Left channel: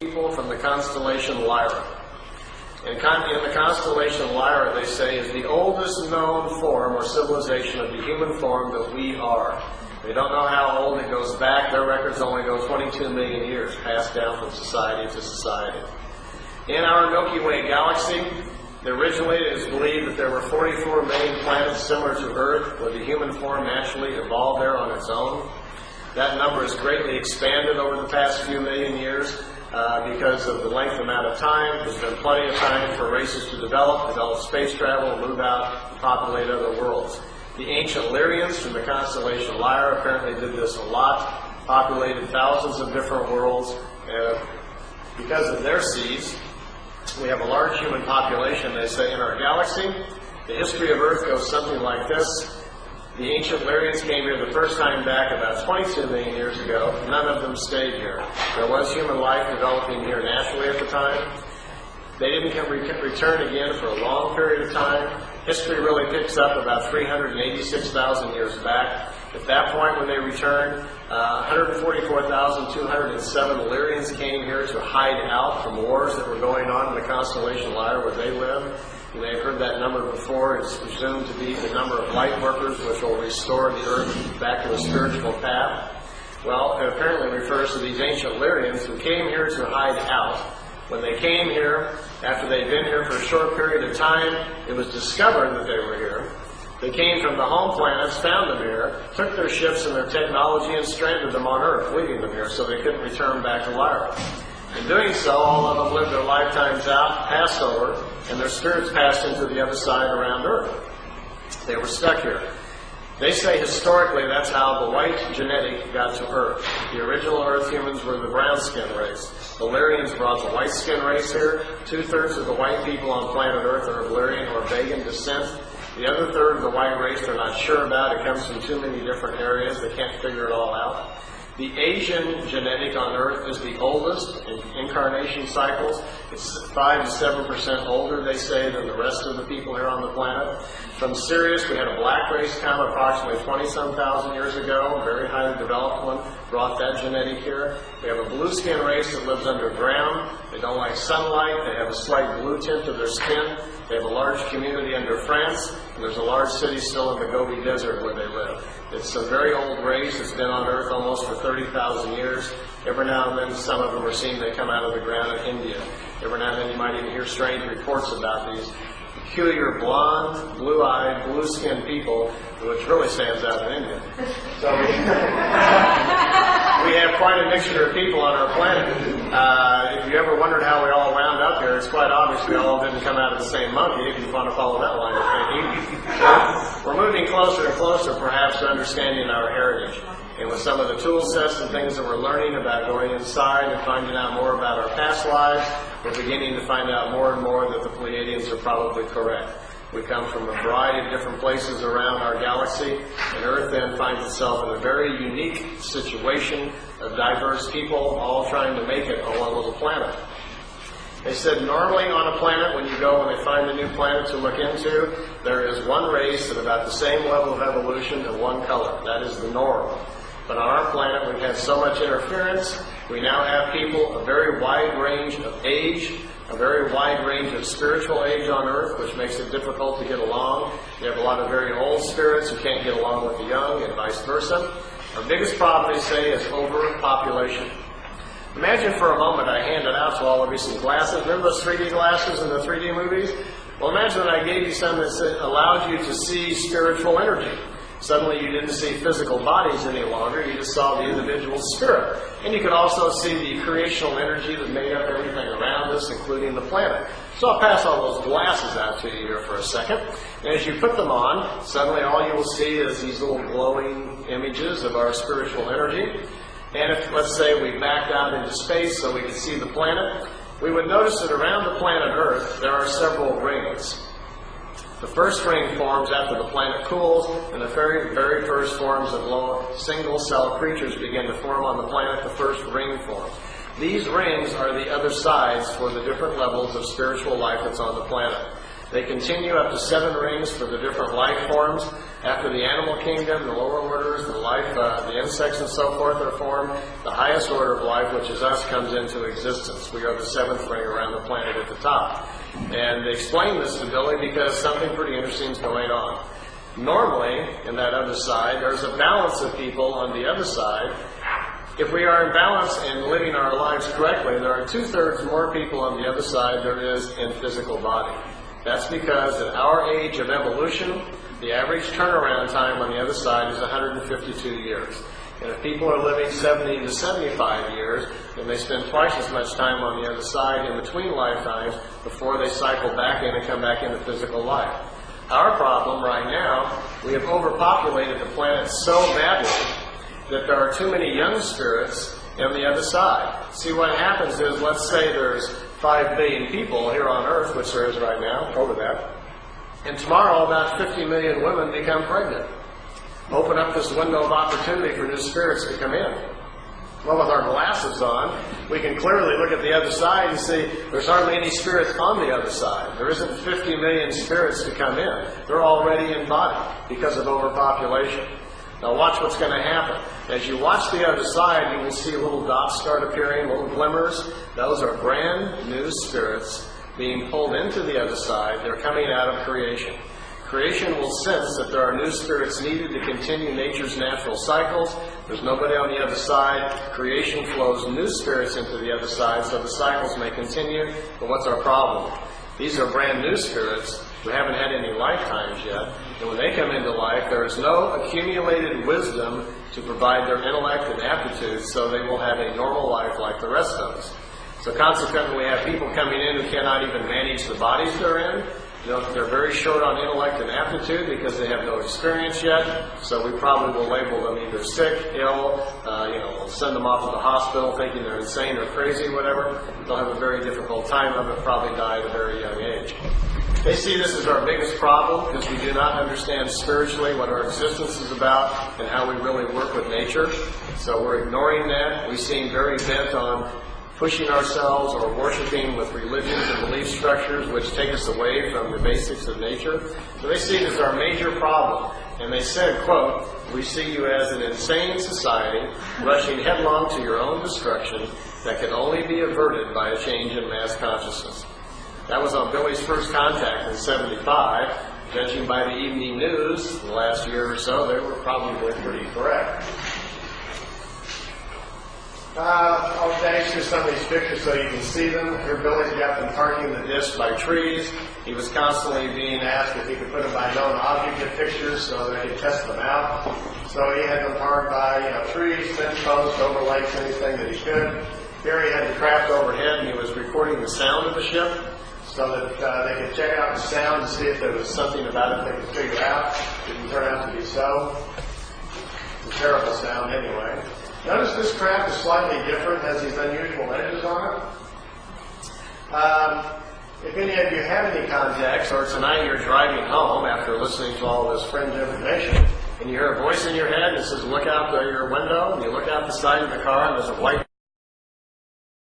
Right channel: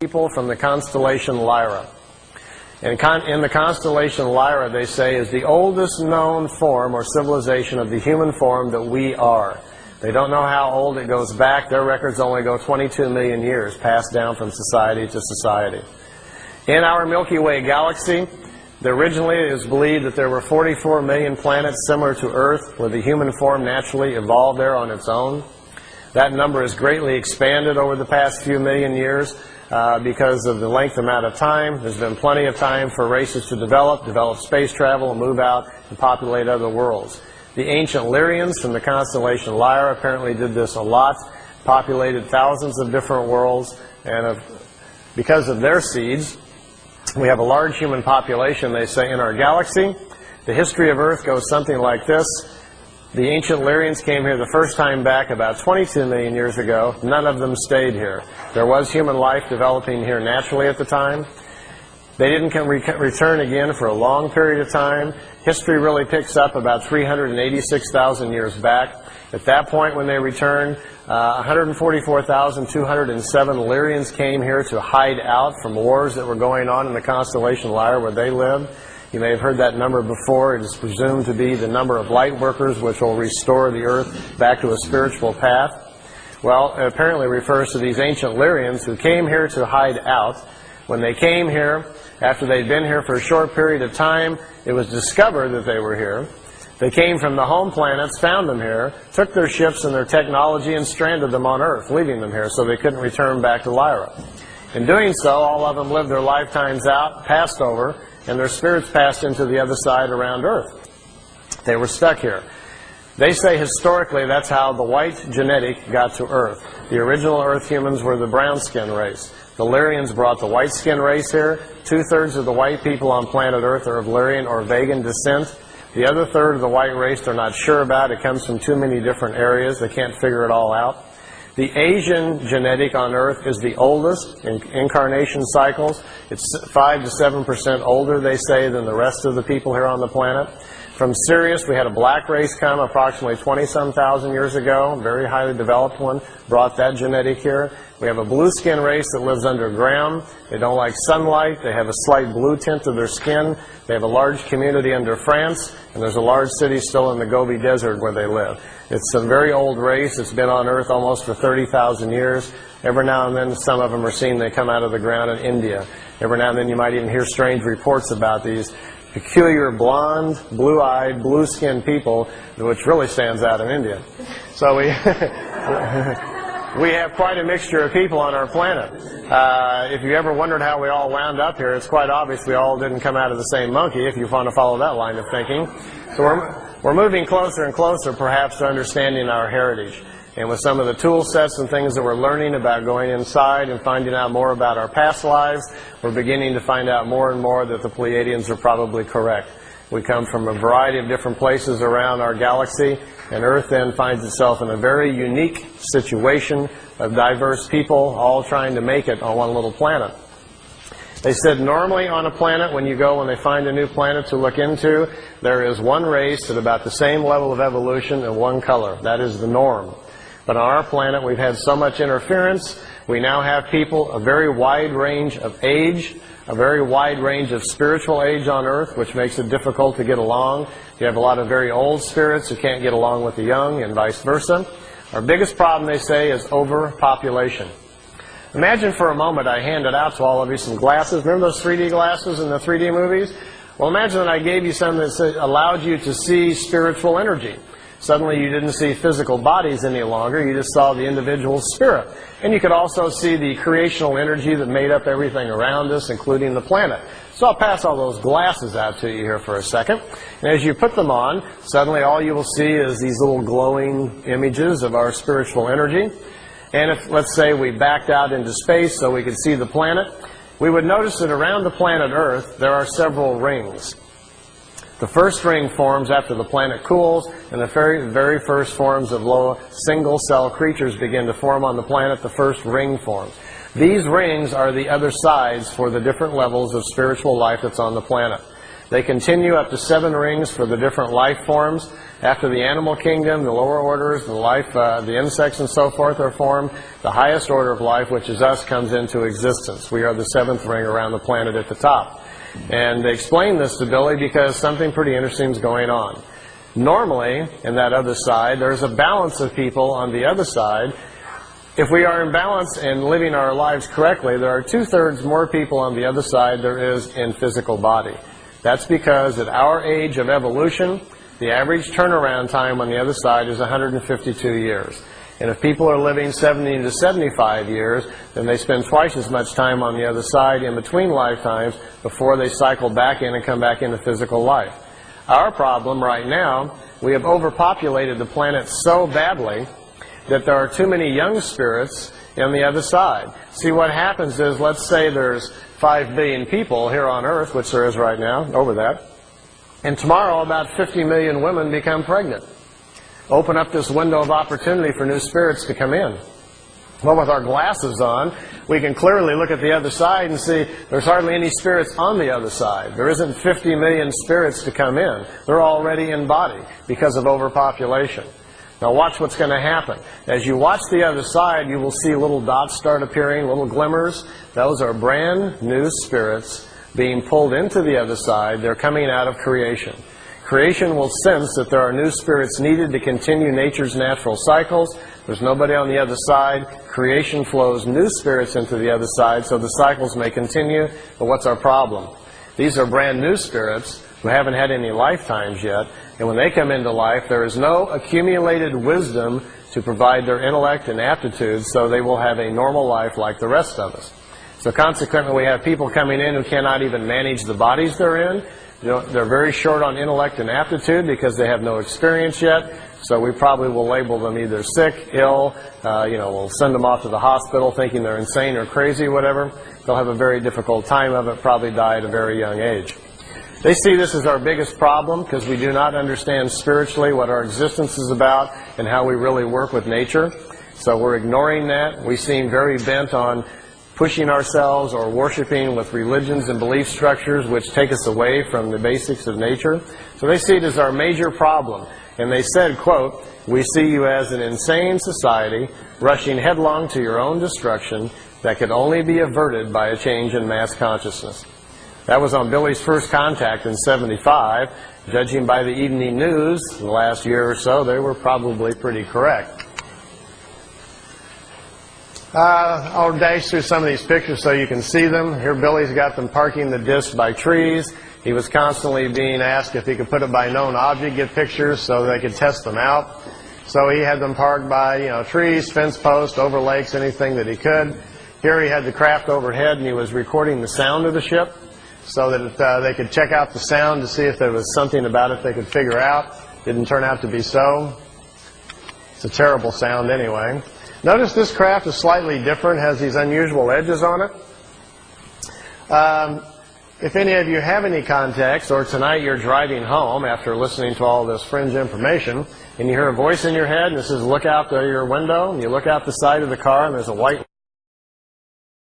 people from the constellation Lyra. In the constellation Lyra, they say, is the oldest known form or civilization of the human form that we are. They don't know how old it goes back. Their records only go 22 million years, passed down from society to society. In our Milky Way galaxy, originally it is believed that there were 44 million planets similar to Earth, where the human form naturally evolved there on its own. That number has greatly expanded over the past few million years because of the length amount of time. There's been plenty of time for races to develop space travel, move out, and populate other worlds. The ancient Lyrians from the constellation Lyra apparently did this a lot, populated thousands of different worlds, and because of their seeds, we have a large human population, they say, in our galaxy. The history of Earth goes something like this. The ancient Lyrians came here the first time back about 22 million years ago. None of them stayed here. There was human life developing here naturally at the time. They didn't return again for a long period of time. History really picks up about 386,000 years back. At that point when they returned, 144,207 Lyrians came here to hide out from wars that were going on in the constellation Lyra where they lived. You may have heard that number before. It is presumed to be the number of light workers which will restore the Earth back to a spiritual path. Well, it apparently refers to these ancient Lyrians who came here to hide out. When they came here, after they'd been here for a short period of time, it was discovered that they were here. They came from the home planets, found them here, took their ships and their technology and stranded them on Earth, leaving them here so they couldn't return back to Lyra. In doing so, all of them lived their lifetimes out, passed over, and their spirits passed into the other side around Earth. They were stuck here. They say historically that's how the white genetic got to Earth. The original Earth humans were the brown skin race. The Lyrians brought the white skin race here. 2/3 of the white people on planet Earth are of Lyrian or Vegan descent. The other third of the white race they're not sure about. It comes from too many different areas. They can't figure it all out. The Asian genetic on Earth is the oldest in incarnation cycles. It's 5 to 7% older, they say, than the rest of the people here on the planet. From Sirius, we had a black race come approximately 20-some thousand years ago, a very highly developed one, brought that genetic here. We have a blue skin race that lives underground. They don't like sunlight. They have a slight blue tint to their skin. They have a large community under France, and there's a large city still in the Gobi Desert where they live. It's a very old race. It's been on Earth almost for 30,000 years. Every now and then, some of them are seen. They come out of the ground in India. Every now and then, you might even hear strange reports about these peculiar blonde, blue-eyed, blue-skinned people, which really stands out in India. So we have quite a mixture of people on our planet. If you ever wondered how we all wound up here, it's quite obvious we all didn't come out of the same monkey, if you want to follow that line of thinking. So we're moving closer and closer, perhaps, to understanding our heritage. And with some of the tool sets and things that we're learning about going inside and finding out more about our past lives, we're beginning to find out more and more that the Pleiadians are probably correct. We come from a variety of different places around our galaxy, and Earth then finds itself in a very unique situation of diverse people all trying to make it on one little planet. They said normally on a planet, when they find a new planet to look into, there is one race at about the same level of evolution and one color. That is the norm. But on our planet, we've had so much interference. We now have people, a very wide range of age, a very wide range of spiritual age on Earth, which makes it difficult to get along. You have a lot of very old spirits who can't get along with the young, and vice versa. Our biggest problem, they say, is overpopulation. Imagine for a moment I handed out to all of you some glasses. Remember those 3D glasses in the 3D movies? Well, imagine I gave you some that allowed you to see spiritual energy. Suddenly you didn't see physical bodies any longer. You just saw the individual's spirit. And you could also see the creational energy that made up everything around us, including the planet. So I'll pass all those glasses out to you here for a second. And as you put them on, suddenly all you will see is these little glowing images of our spiritual energy. And if, let's say, we backed out into space so we could see the planet, we would notice that around the planet Earth there are several rings. The first ring forms after the planet cools, and the very first forms of low single-cell creatures begin to form on the planet. The first ring forms. These rings are the other sides for the different levels of spiritual life that's on the planet. They continue up to 7 rings for the different life forms. After the animal kingdom, the lower orders, the insects and so forth are formed. The highest order of life, which is us, comes into existence. We are the 7th ring around the planet at the top. And they explain this to Billy because something pretty interesting is going on. Normally, in that other side, there's a balance of people on the other side. If we are in balance and living our lives correctly, there are 2/3 more people on the other side there is in physical body. That's because at our age of evolution, the average turnaround time on the other side is 152 years. And if people are living 70 to 75 years, then they spend twice as much time on the other side in between lifetimes before they cycle back in and come back into physical life. Our problem right now, we have overpopulated the planet so badly that there are too many young spirits on the other side. See, what happens is, let's say there's 5 billion people here on Earth, which there is right now, over that, and tomorrow about 50 million women become pregnant. Open up this window of opportunity for new spirits to come in. Well, with our glasses on, we can clearly look at the other side and see there's hardly any spirits on the other side. There isn't 50 million spirits to come in. They're already in body because of overpopulation. Now watch what's going to happen. As you watch the other side, you will see little dots start appearing, little glimmers. Those are brand new spirits being pulled into the other side. They're coming out of creation. Creation will sense that there are new spirits needed to continue nature's natural cycles. There's nobody on the other side. Creation flows new spirits into the other side so the cycles may continue. But what's our problem? These are brand new spirits who haven't had any lifetimes yet. And when they come into life, there is no accumulated wisdom to provide their intellect and aptitude, so they will have a normal life like the rest of us. So consequently, we have people coming in who cannot even manage the bodies they're in. They're very short on intellect and aptitude because they have no experience yet. So we probably will label them either sick, ill, we'll send them off to the hospital thinking they're insane or crazy or whatever. They'll have a very difficult time of it, probably die at a very young age. They see this as our biggest problem because we do not understand spiritually what our existence is about and how we really work with nature. So we're ignoring that. We seem very bent on pushing ourselves or worshiping with religions and belief structures which take us away from the basics of nature. So they see it as our major problem. And they said, quote, "We see you as an insane society rushing headlong to your own destruction that can only be averted by a change in mass consciousness." That was on Billy's first contact in '75. Judging by the evening news the last year or so, they were probably pretty correct. I'll dash through some of these pictures so you can see them. Here Billy's got them parking the disc by trees. He was constantly being asked if he could put it by known object, get pictures so they could test them out. So he had them parked by trees, fence posts, over lakes, anything that he could. Here he had the craft overhead and he was recording the sound of the ship so that they could check out the sound to see if there was something about it they could figure out. Didn't turn out to be so. It's a terrible sound anyway. Notice this craft is slightly different, has these unusual edges on it. If any of you have any contacts, or tonight you're driving home after listening to all this fringe information, and you hear a voice in your head that says, look out your window, and you look out the side of the car, and there's a white